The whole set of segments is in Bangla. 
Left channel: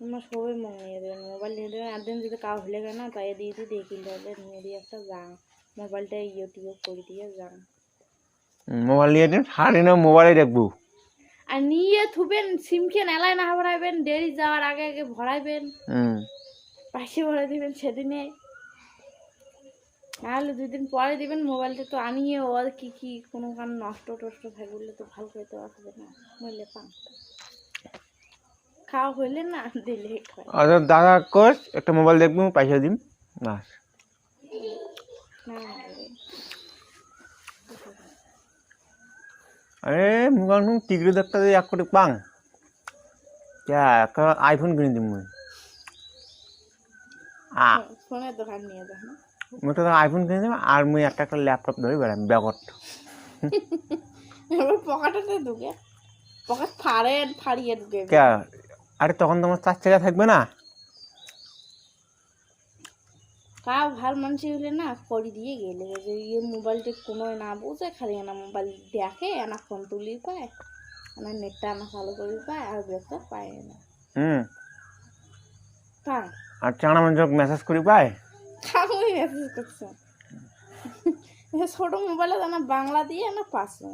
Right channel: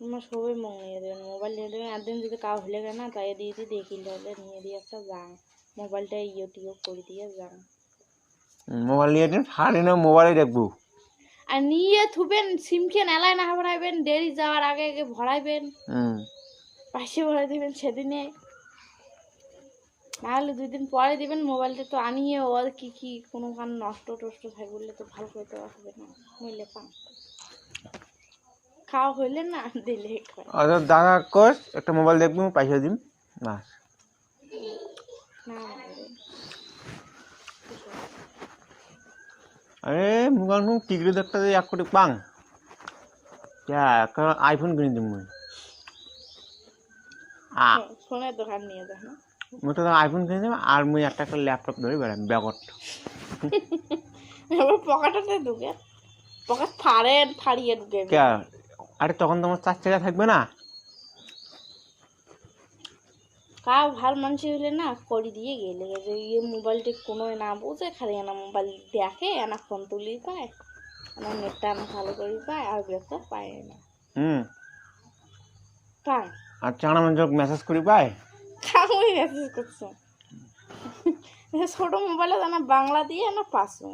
তোমার সবাই মন নিয়ে দেবেন, মোবাইল নিয়ে দেবেন। একদিন যদি কাউ ভুলে গেল না, তাই দিয়ে দেখি তাহলে নিয়ে দিয়ে একটা যান, মোবাইলটা ইউটিউব করে দিয়ে যান। মোবাইল নিয়ে দিন, হারি না মোবাইলে দেখবো। আর নিয়ে থুবেন, সিমকে নেলায় না ভরাইবেন, দেরি যাওয়ার আগে আগে ভরাইবেন, পাশে ভরাই দিবেন সেদিনে, নাহলে 2 দিন পরে দিবেন। মোবাইলটা তো আনিয়ে ওর কি কি কোনো কান নষ্ট টষ্ট থাকে বললে তো ভালো করে দেওয়া হবে না, মইলে পান খাওয়া হইলে না দিলে খায়। আচ্ছা দাদা কোচ একটা মোবাইল দেখবো, পয়সা দিন বাস। না আরে মোবাইল টিকরি দেখতে দিয়ে 1 কোটি পাং क्या একটা আইফোন কিনে দিব মুই। ফোনের দোকান নিয়ে যান, মুই তো আইফোন কিনে দিব, আর মুই একটা ল্যাপটপ ধরে বেড়াম ব্যাগত। এবার পকেটে ঢুকে, পকেট ফাড়িয়ে ঢুকে। আরে তখন তোমার 4 টাকা থাকবে না। কাউ ভাল মানুষ হলে না করে দিয়ে গেলে যে ইয়ে মোবাইলটা কোনো না বোঝে, খালি না মোবাইল দেখে, না ফোন তুলি পায়, না নেটটা না ভালো করে পায়, আর বেকার পায় না। পায় আর চাঁড়া মানুষ মেসেজ করি পায়, আমি মেসেজ করছি ছোট মোবাইলে জানা বাংলা দিয়ে না পাসো,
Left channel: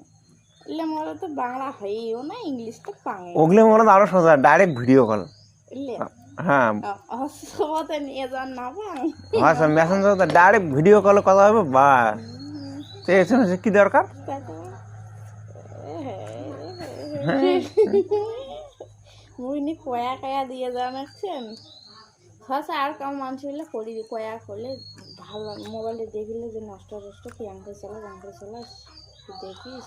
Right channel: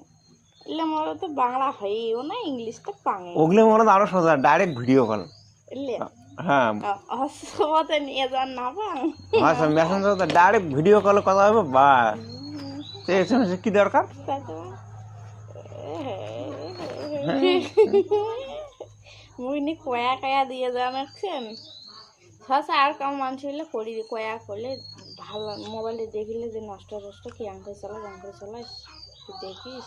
এলে মোবাইলে তো বাংলা হয়েও না, ইংলিশটা পাঙে। ওগুলো মনে আরো সোজা, ডাইরেক্ট ভিডিও কল। এলে হ্যাঁ অসুবিধা নিয়ে যান না পাং, আচ্ছা মেসেঞ্জার তো ডাইরেক্ট ভিডিও কলে কথা হবে বাস। এসএমএস কি দরকার? মুইনি কয়া কয়া দিয়ে জানাচ্ছেন সসা, আর কাউ মানুষ হলে করি কয়া করলে ভালো, মোবাইলে দেখিলে যে নষ্ট নষ্ট কি আঙ্কে চালাস দেখিস,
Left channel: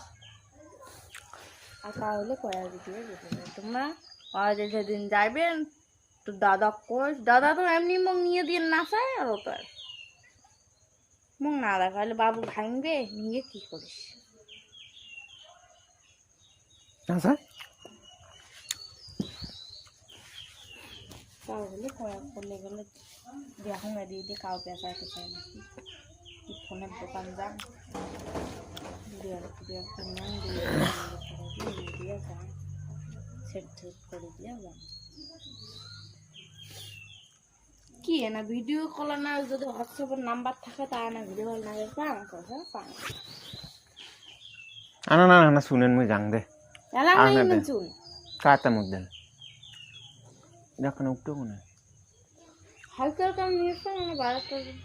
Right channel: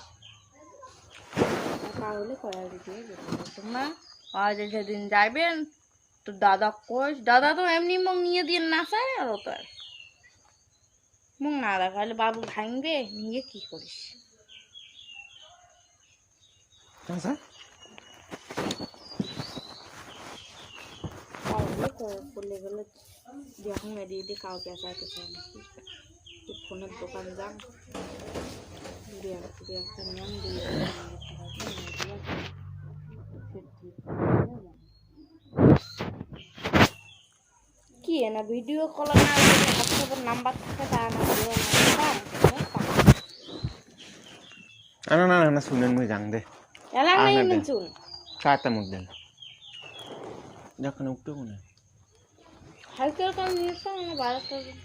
আর কাউ হলে কয়া দিয়ে তোমরা। আজ সেদিন যাইবেন তো দাদা কোচ, দাদা তো এমনি মুখ নিয়ে দিয়ে নাচায়, আর তার মুখ না দেখালে বাবু ভাঙবে, নিয়ে কি করিস? তাহলে করলে গেলে দেখুন দিদি কাউকে আসাতে চাই না, ফোনের দোকান যান কি না ভিডিও কল না হোয়াটসঅ্যাপের নাম্বার থাকে, তা না ভিডিও না না না শুনেন মুই জান দে এলা নাই না চুন কাতে মুখ দেন দেখুন উঠতো কোনে হালকা হালকা নিয়ে তো না 12টা যাই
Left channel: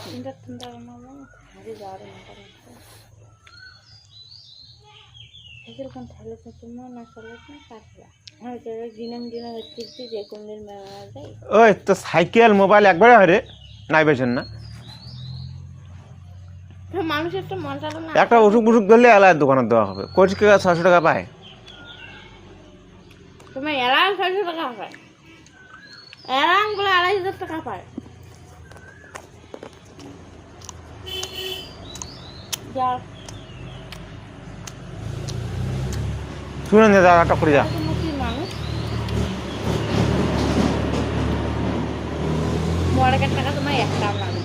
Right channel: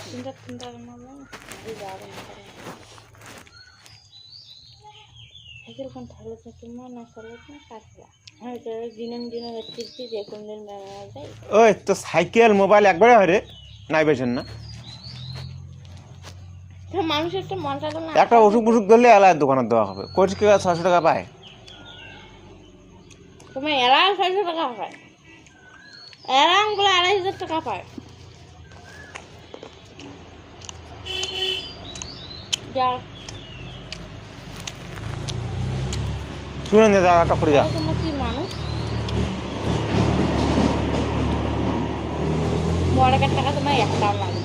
চিন্তা বানাবো আরে যাবে না করে সাইকেল কোন ঠেলে তো তোমার না চলে না কাটলা হয়তো দিনে হচ্ছে যে কোন দিন মেলা যায়। ওই তো সাইকেল মোবাইল একবারে হরে নাই বেছেন না, মানুষের তো মনটা না একটা ওষুধ ধরলে আলাদা দোকানে দেওয়া হবে। কোচ কে 600 টাকা পায়, তুমি এলাং 600 টাকা পায়, এলাং গুলো 2500 টাকা পায়। যা শুনেন দাদা একটা করে যা তুমি কি মানুষ বড় টাকা তোমার একটা লাগে